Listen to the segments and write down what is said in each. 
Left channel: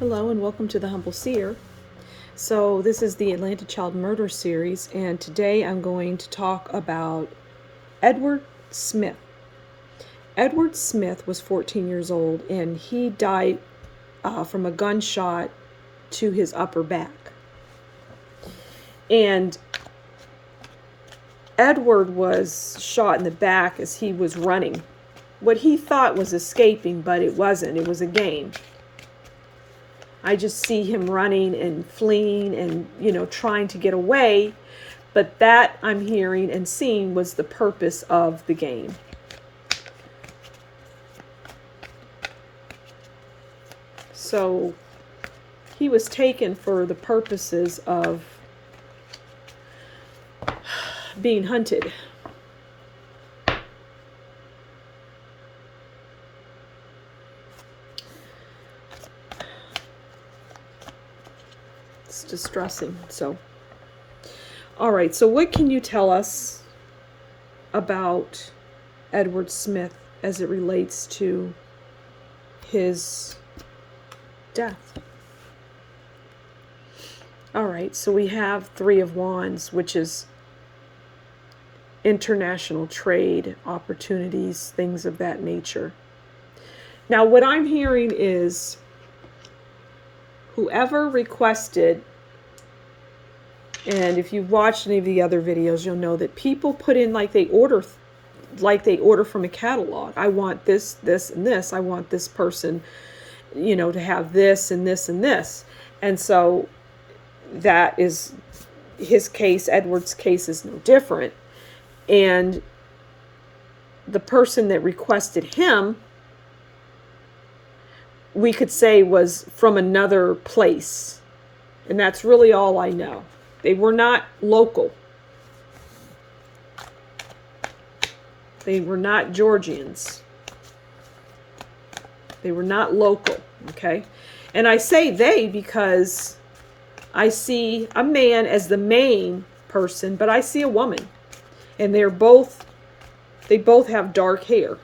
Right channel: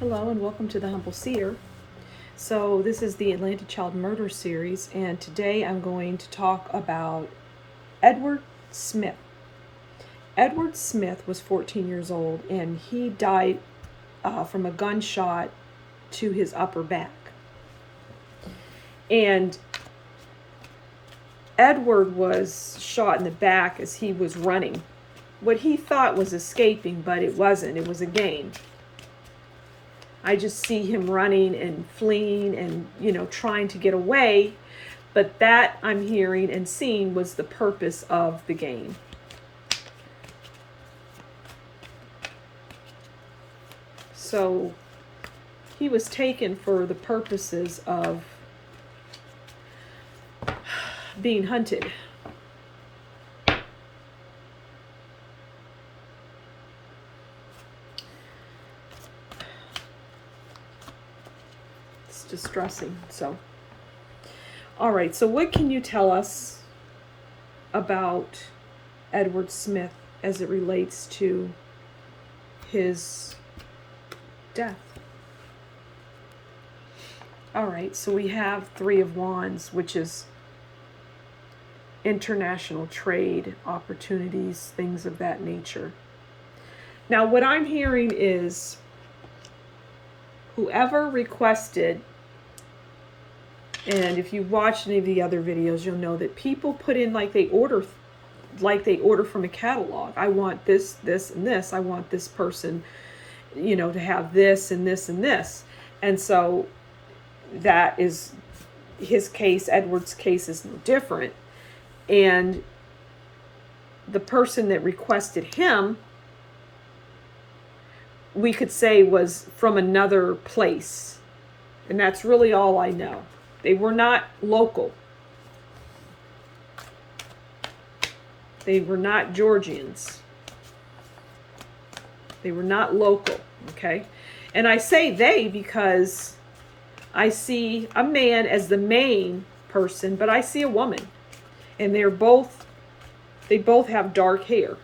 Hello and welcome to the Humble Seer. So this is the Atlanta Child Murder series, and today I'm going to talk about Edward Smith. Edward Smith was 14 years old and he died from a gunshot to his upper back. And Edward was shot in the back as he was running. What he thought was escaping, but it wasn't. It was a game. I just see him running and fleeing and, trying to get away. But that I'm hearing and seeing was the purpose of the game. So he was taken for the purposes of being hunted. Distressing. So, all right, so what can you tell us about Edward Smith as it relates to his death? All right, so we have Three of Wands, which is international trade opportunities, things of that nature. Now, what I'm hearing is whoever requested, and if you've watched any of the other videos, you'll know that people put in like they order from a catalog. I want this, this, and this. I want this person, to have this and this and this. And so that is his case. Edward's case is no different. And the person that requested him, we could say, was from another place. And that's really all I know. They were not local. They were not Georgians. They were not local, okay? And I say they because I see a man as the main person, but I see a woman. And they both have dark hair.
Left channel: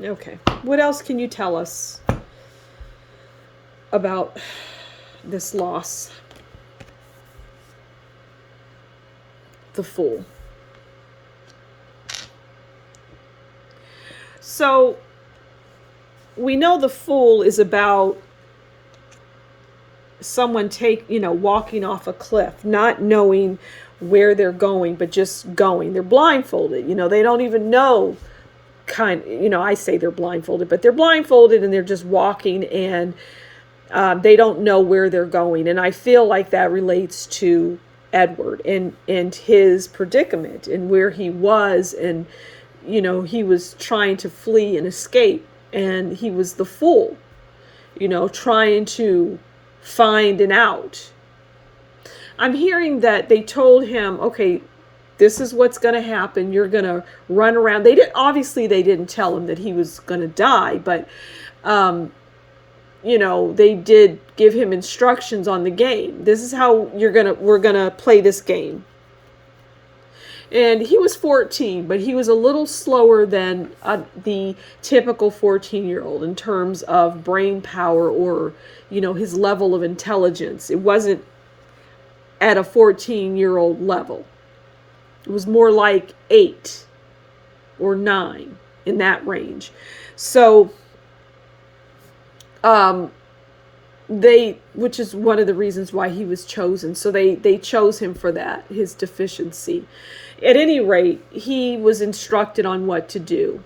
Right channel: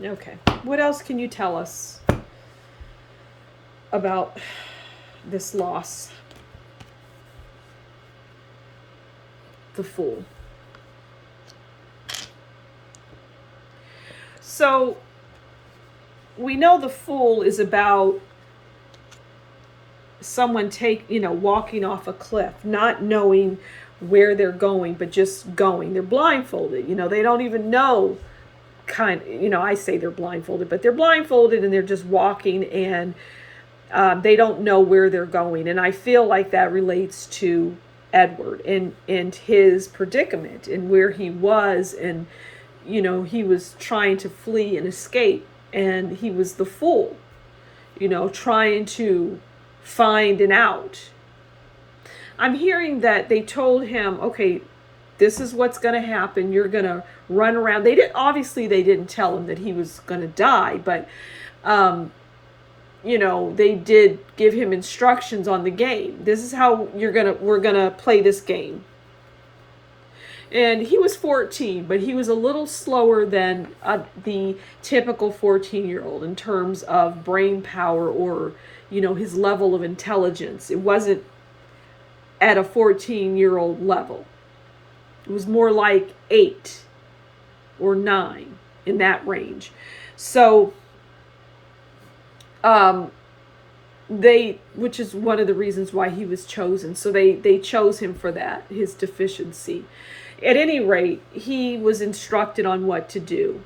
Okay, what else can you tell us about this loss? The Fool. So we know the Fool is about someone walking off a cliff, not knowing where they're going, but just going. They're blindfolded. They don't even know. I say they're blindfolded, but they're blindfolded and they're just walking, and they don't know where they're going. And I feel like that relates to Edward and his predicament and where he was, and he was trying to flee and escape, and he was the fool, trying to find an out. I'm hearing that they told him, okay, this is what's going to happen. You're going to run around. They didn't tell him that he was going to die, but, they did give him instructions on the game. This is how we're going to play this game. And he was 14, but he was a little slower than the typical 14-year-old in terms of brain power or, his level of intelligence. It wasn't at a 14-year-old level. It was more like 8 or 9, in that range. So, which is one of the reasons why he was chosen. So they chose him for that, his deficiency. At any rate, he was instructed on what to do.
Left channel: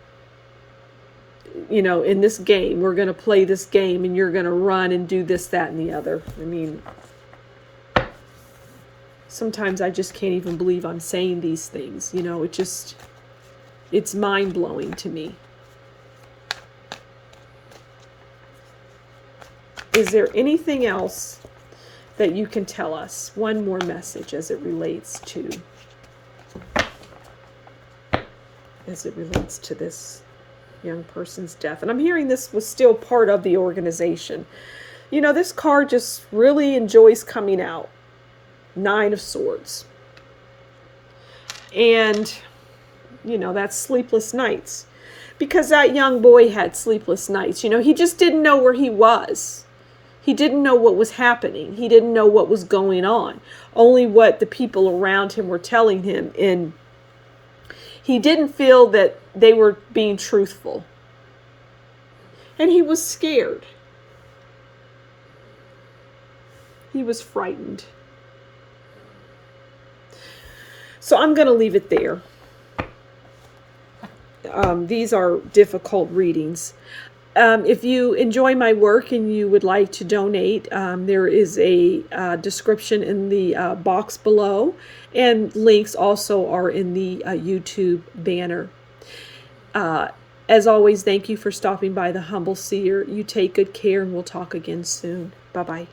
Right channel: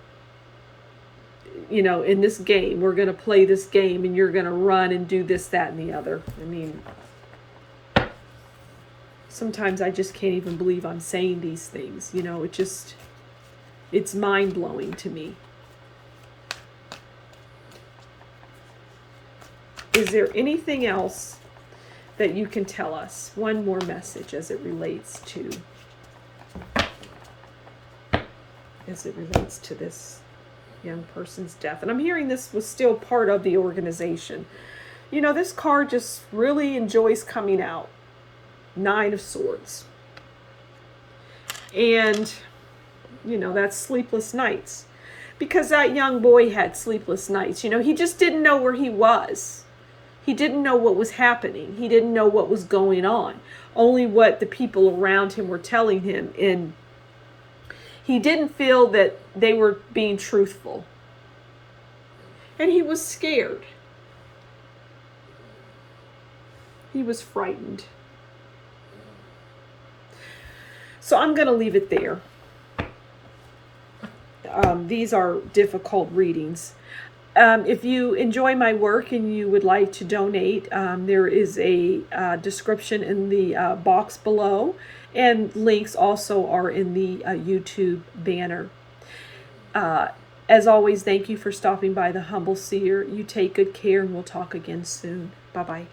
In this game, we're going to play this game, and you're going to run and do this, that, and the other. I mean, sometimes I just can't even believe I'm saying these things. It's mind-blowing to me. Is there anything else that you can tell us? One more message as it relates to this young person's death. And I'm hearing this was still part of the organization. This card just really enjoys coming out. 9 of Swords. And, that's sleepless nights. because that young boy had sleepless nights. You know, he just didn't know where he was. He didn't know what was happening. He didn't know what was going on. Only what the people around him were telling him. And he didn't feel that they were being truthful. And he was scared. He was frightened. So I'm going to leave it there. These are difficult readings. If you enjoy my work and you would like to donate, there is a description in the box below, and links also are in the YouTube banner. As always, thank you for stopping by the Humble Seer. You take good care, and we'll talk again soon. Bye-bye.